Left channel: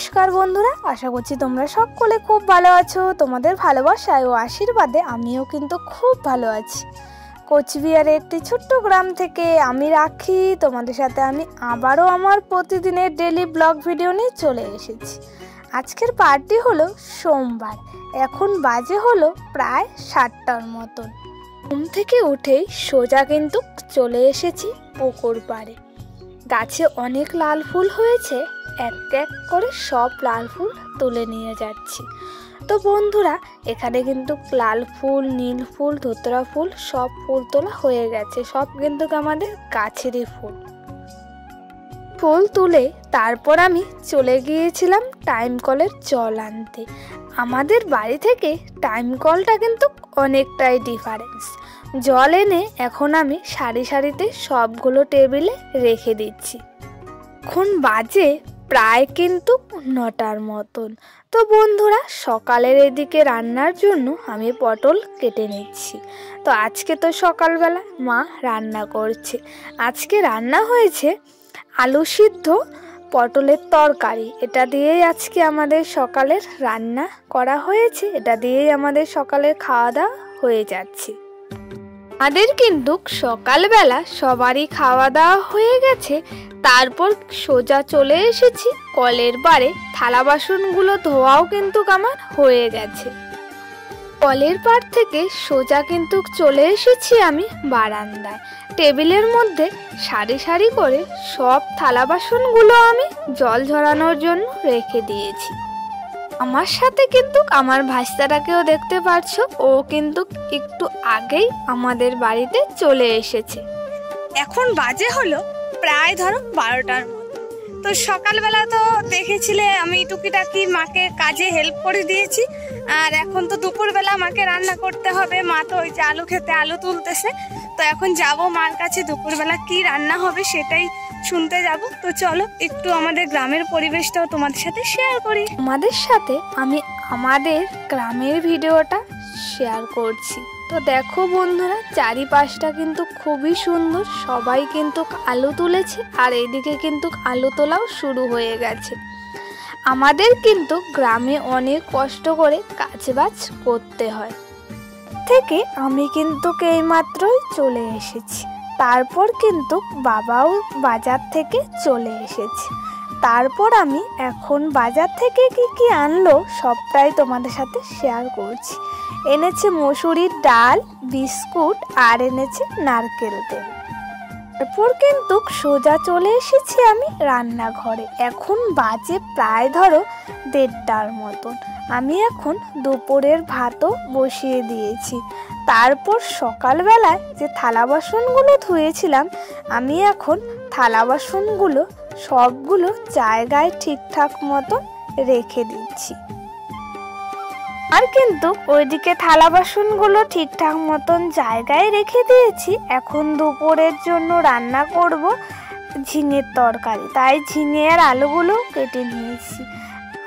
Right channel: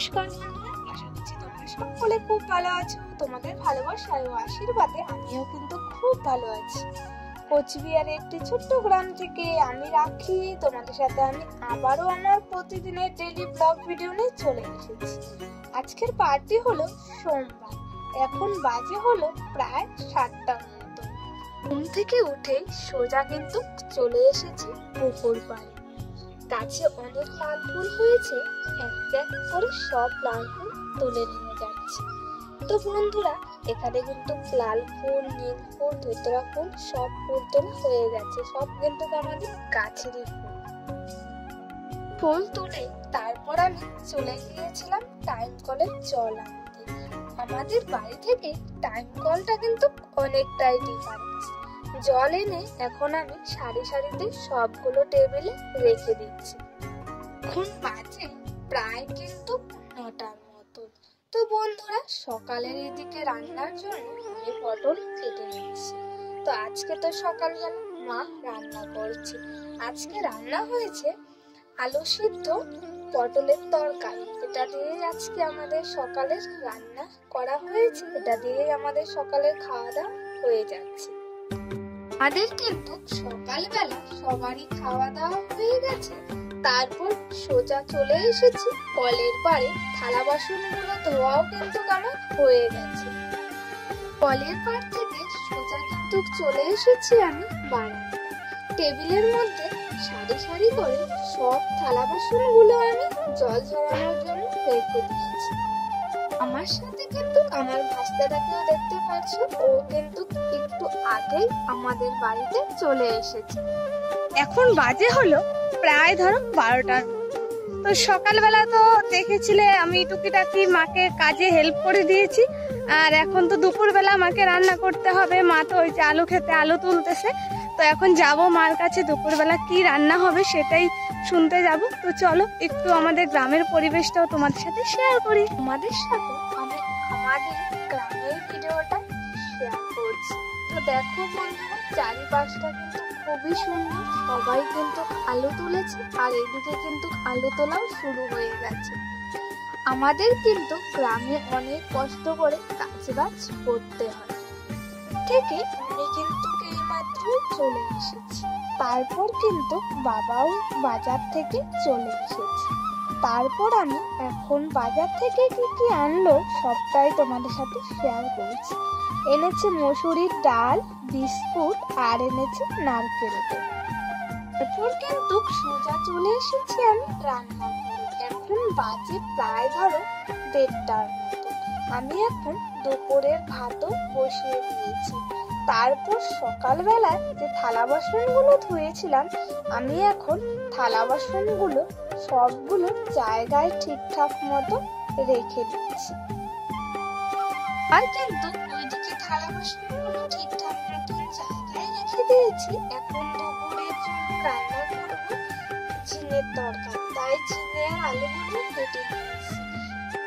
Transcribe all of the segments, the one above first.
নমস্কার বন্ধুরা, আশা করছি তোমরা সকলে খুব ভালো আছো। তোমাদের ভালোবাসায় ও আশীর্বাদে আমিও কিন্তু খুব ভালো আছি। কোচবিহারের একটি ছোট্ট গ্রাম থেকে আমি রাখি, তোমাদের সাথে আমি আবারও আমার প্রতিদিনের ডেলি ব্লগ ভিডিও নিয়ে চলে এসেছি। আজকের পার্টি হলো সোমবার, এখন বাজে হলো প্রায় 7টার মতো। ঘুম থেকে উঠেই সোজা কিন্তু চলে এসেছি পুকুর পাড়ে। গাছে অনেক লাল ফুল হয়েছে, এক এক করে সব লাল ফুল তুলে নিয়ে যাচ্ছি। তো বন্ধুরা, এখানে কিন্তু লাল ফুল, নীল ফুল, ধুতরা ফুল সব ফুল তোলা হয়ে গেছে। সব কিন্তু আমাদের গাছেরই ফুল। ফুল তুলে তারপর আমি চলে গিয়েছিলাম টাইম কলের জল আনতে। আমাদের বাড়ি থেকে টাইম কলটা কিন্তু অনেকটাই ডিফারেন্স। জল এনে এখন আমি সারি সারিতে সবগুলো টেবিলে রেখে দিচ্ছি। এখন বাজে প্রায় কিন্তু 9টার মতন। তো বন্ধুরা, সকালের এদিকে রান্নার জন্য আমি পটল কেটে নিচ্ছি। তো আজকে তো সকালবেলা মা রান্না করছে। আজকে রান্না হয়েছে আলু সিদ্ধ, পটলের তরকারি। এটা দিয়েই আজকে আমাদের সকালের রান্না করা হয়েছে। এটা দিয়েই আমাদের সকালের খাওয়া দাওয়া হয়ে যাচ্ছে। আমাদের কিন্তু সকালবেলা সবারই খাওয়া দাওয়া হয়ে গেছে। তারপর সোজা চলে এসেছি কলের পাড়ে। থালা বাসনগুলো ধোয়াও কিন্তু আমার হয়ে গেছে। কলের পাড় থেকে সোজা কিন্তু চলে এসেছি আমি বারান্দায়। টেবিলের মধ্যে সারি সারি করে সব থালা বাসনগুলো আমি জল ঝরানোর জন্য রেখে দিয়েছি। আমার সাথে কিন্তু আমার ভাইস্তাটাকেও দেখতে পাচ্ছ, ও কিন্তু একটু আগেই আমাদের বাড়িতে চলে এসেছে। এখন বাজে হলো প্রায় ধরো 12টার মতো। তো সকালবেলা তো দেখেছিলে আমি টুকিটাকি মাকে কাজে হেল্প করে দিয়েছি। আর এখন তো দুপুরবেলা মাকে রান্না করতে হবে। মা তো ওই যে আলু খেতে আলু তুলতেছে। তো এখন যাব মার কাছে, দুপুরবেলা কি রান্না হবে সেটাই শুনতে যাব। তো চলো একটু আমাদের গ্রামের পরিবেশটাও তোমাদের সাথে শেয়ার করি। তোমাদের সাথে আমি আমাদের গ্রামের ভিডিওটা শেয়ার করছি। তো দেখো বন্ধুরা, চারিপাশটা কিন্তু খুবই সুন্দর। সবাই কিন্তু আলু তুলেছে, আর এইদিকে কিন্তু আলু তোলাও শুরু হয়ে গেছে। আমাদের কিন্তু গ্রামে অনেক কষ্ট করে কাজবাজ করতে হয়। থেকে আমি কিন্তু এইমাত্রই চলে এসেছি। তারপর কিন্তু বাবাও বাজার থেকে চলে এসেছে। তারপর আমি এখন বাজার থেকে কি কি আনলো সবটাই তোমাদের সাথে শেয়ার করছি। এনেছে মসুরির ডাল, বিস্কুট, আর এনেছে নারকেল তেল। তারপর কিন্তু সোজা চলে এসেছি আমি রান্নাঘরে। এখন বাজে প্রায় ধরো 1:30টার মতন। আমি এখন দুপুরের ভাতও বসিয়ে দিয়েছি। তারপর সকালবেলায় যে থালা বাসনগুলো ধুয়েছিলাম, আমি এখন থালা বাসনগুলো সবগুলো জায়গায় ঠিকঠাক মতো রেখে দিচ্ছি। আর কিন্তু ওইদিকে থালা বাসনগুলো ঠিকঠাক মতন জায়গায় রেখে দিয়েছি। এখন দুপুরের জন্য রান্না করব ঝিঙের তরকারি, তাই ঝিঙে আর আলুগুলো কেটে নিয়েছি।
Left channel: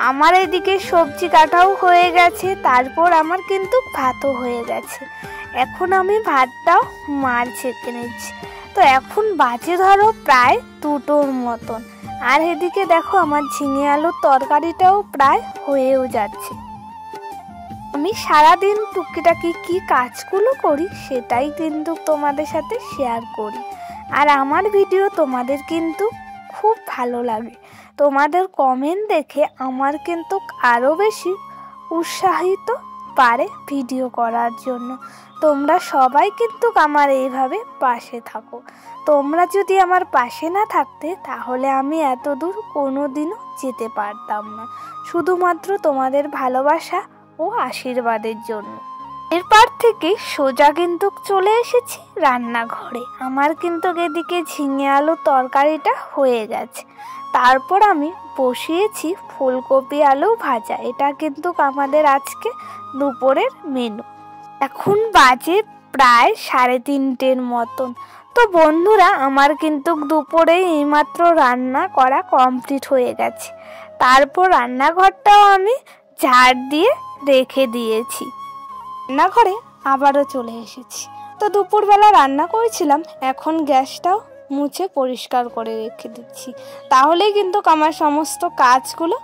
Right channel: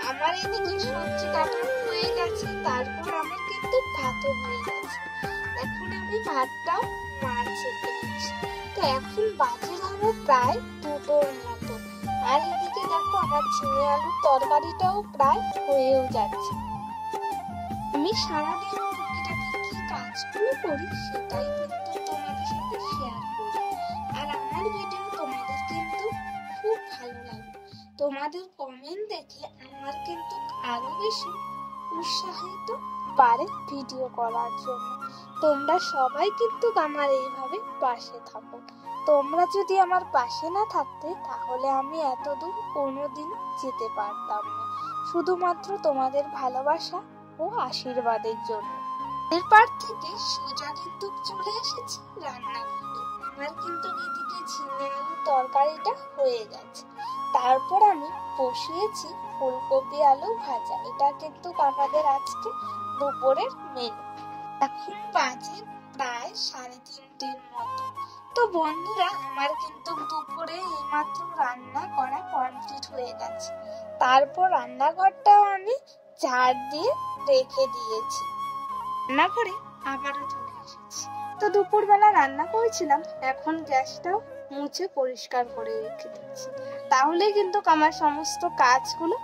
আমার এদিকে সবজি কাটাও হয়ে গেছে। তারপর আমার কিন্তু ভাতও হয়ে গেছে। এখন আমি ভাতটাও মার ছেঁকে নিচ্ছি। তো এখন বাজে ধরো প্রায় 2টোর মতন। আর এদিকে দেখো আমার ঝিঙে আলুর তরকারিটাও প্রায় হয়েও যাচ্ছে। আমি সারাদিন টুকিটাকি কি কাজগুলো করি সেটাই কিন্তু তোমাদের সাথে শেয়ার করি। আর আমার ভিডিও তোমাদের কিন্তু খুব ভালো লাগে। তোমাদের কমেন্ট দেখে আমার কিন্তু আরও বেশি উৎসাহিত পারে ভিডিও করার জন্য। তোমরা সবাই কিন্তু আমার এইভাবে পাশে থাকো। তোমরা যদি আমার পাশে না থাকতে তাহলে আমি এত দূর কোনোদিনও যেতে পারতাম না, শুধুমাত্র তোমাদের ভালোবাসা ও আশীর্বাদের জন্য। এরপর থেকে সোজা কিন্তু চলে এসেছি রান্নাঘরে। আমার কিন্তু এদিকে ঝিঙে আলু তরকারিটা হয়ে গেছে। তারপর আমি বসিয়েছি ফুলকপি আলু ভাজা। এটা কিন্তু আমাদের আজকে দুপুরের মেনু। এখন বাজে প্রায় 3:30র মতন। তো বন্ধুরা, আমার কিন্তু দুপুরে এইমাত্র রান্না করা কমপ্লিট হয়ে গেছে। তারপর রান্নাঘরটাও আমি ঝাড় দিয়ে রেখে দিয়েছি। রান্নাঘরে আবারও চলে এসেছি। তো দুপুরবেলা রান্না করেছিলাম, এখন গ্যাসটাও মুছে পরিষ্কার করে রেখে দিচ্ছি। তাহলেই কিন্তু আমার সমস্ত কাজগুলো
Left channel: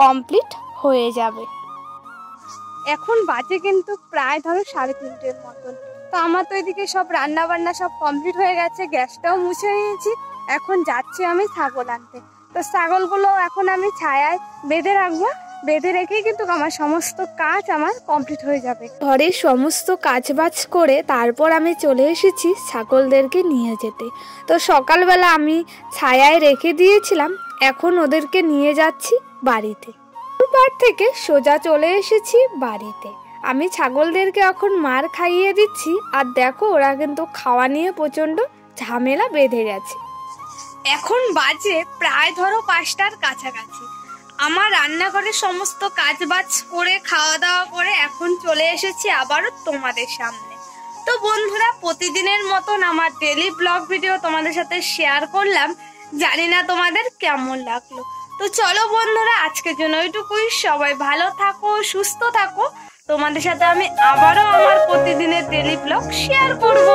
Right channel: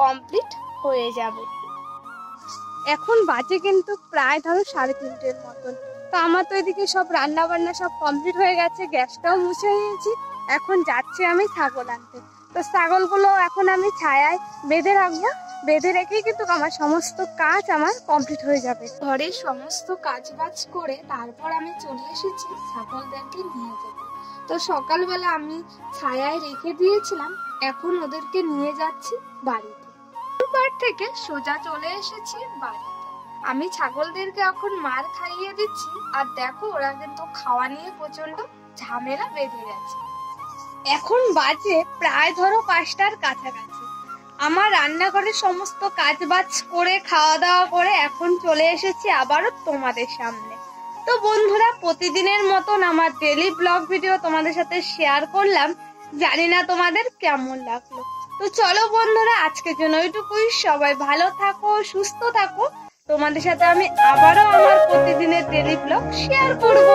কমপ্লিট হয়ে যাবে। এখন বাজে কিন্তু প্রায় ধরো 3:30 মতন। তো আমার তো এদিকে সব রান্না বান্না সব কমপ্লিট হয়ে গেছে, গ্যাসটাও মুছে নিয়েছি। এখন যাচ্ছি আমি ছাগল আনতে। তো ছাগলগুলো এখন আমি ছায়ায় বেঁধে রাখবো, বেঁধে রেখেই কিন্তু আমার সমস্ত কাজ আমার কমপ্লিট হয়ে যাবে। ঘরের সমস্ত কাজবাজ করে তারপর আমি চলে এসেছি ছাগলদেরকে নিয়ে যেতে। তো সকালবেলা আমি ছায়ায় রেখে দিয়েছিলাম, এখন ওদেরকে নিয়ে যাচ্ছি বাড়িতে। পার থেকে সোজা চলে এসেছি বাড়িতে। আমি ছাগলদেরকে এখন মার খাইয়ে দিচ্ছি, আর দেখো ওরা কিন্তু খাওয়া নিয়ে প্রচণ্ড ঝামেলা বেঁধে গেছে। এখন বাজে প্রায় ধরো 5টার কাছাকাছি। আমার রান্নাঘরের সমস্ত কাজবাজ করে খাওয়া দাওয়া করে এখন চলে এসেছি আবারও তোমাদের সামনে। তো বন্ধুরা, প্রতিদিনের মতন আমার ডেলি ব্লগ ভিডিও তোমাদের সাথে শেয়ার করলাম, জানি না তোমাদের কেমন লাগলো। তো চলো বন্ধুরা, আজকের জন্য এইটুকুই। সবাই ভালো থাকো, সুস্থ থাকো। তোমাদের সাথে আমি আবারও আমার প্রতিদিনের ডেলি ব্লগ শেয়ার করব।